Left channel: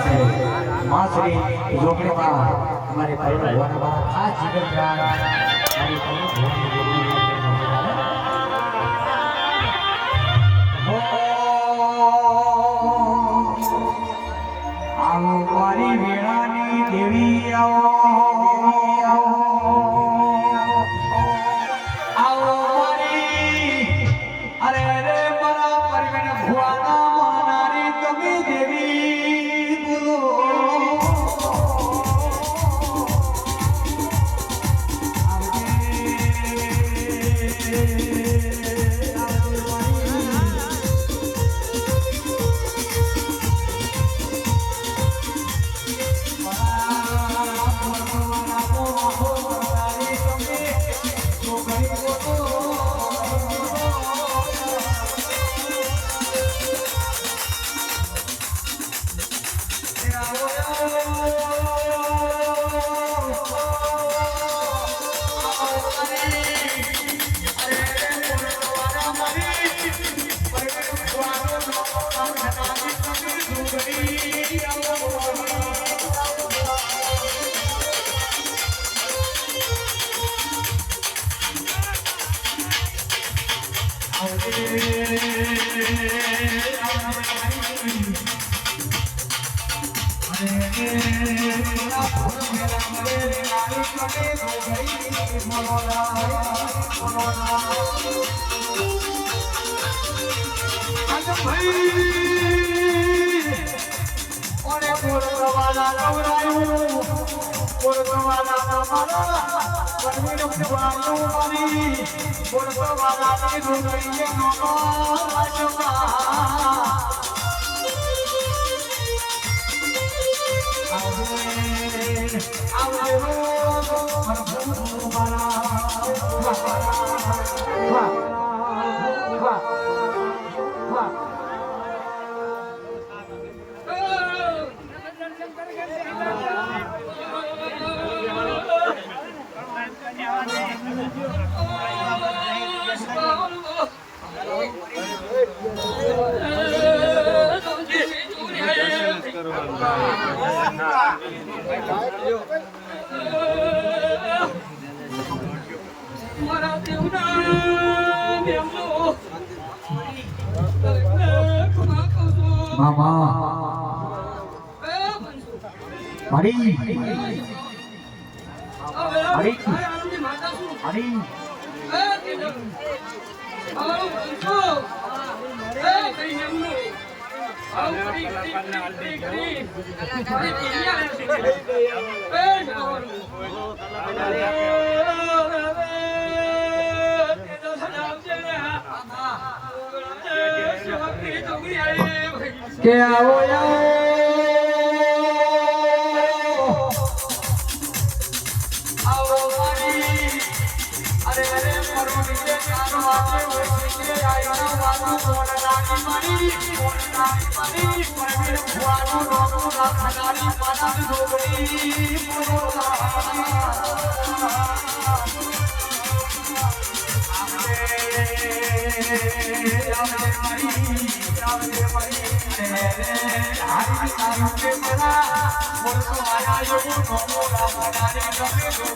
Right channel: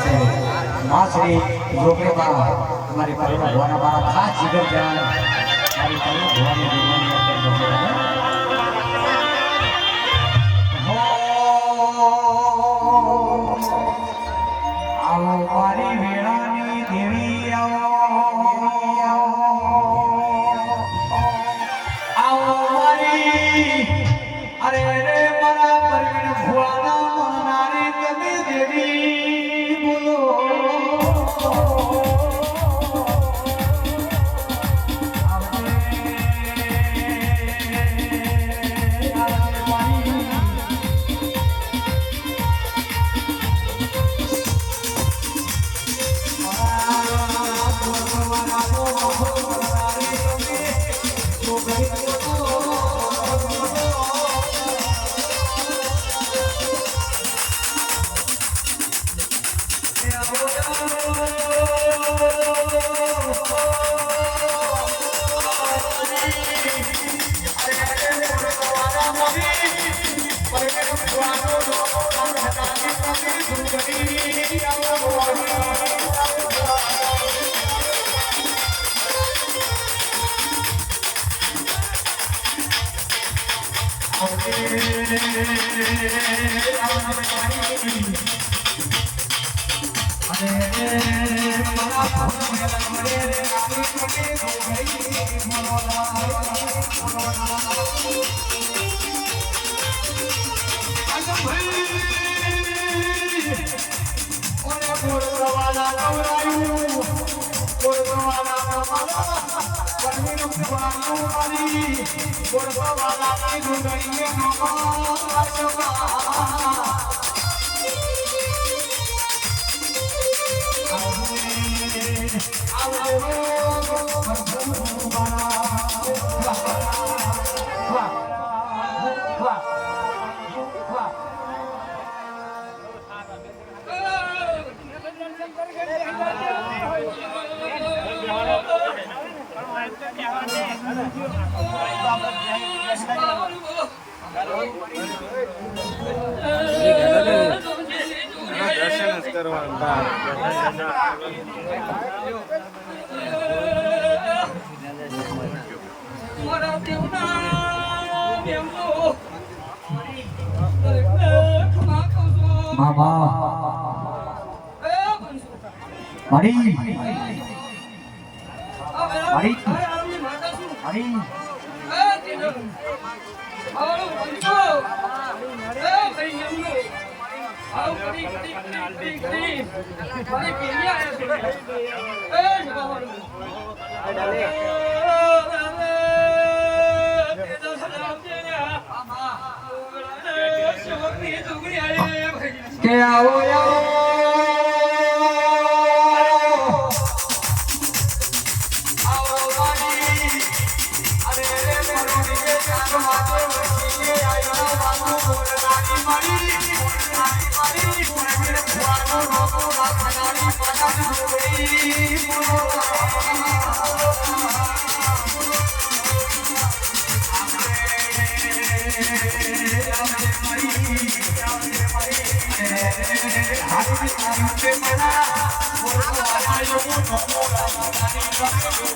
श्री रोकड़े बा हमारे परिवार भगवान हमारा खास जीवन प्यार हमारी भगवान भगवान हो आओ मारी वेळानी देवी आओ मारी अरे रे मरा परवीन भुवाना मानारे कभी देवी बोलो मामा मरी मरी मरी के आओ अरे मेरे मरुनी के कान वाले वही आयो बाबू बोलनानी मरी मेरे भुआनो रोको ना खनानी पादा दो गई बोलो हरी तारी के ना मोर को आयो नो मोला मोला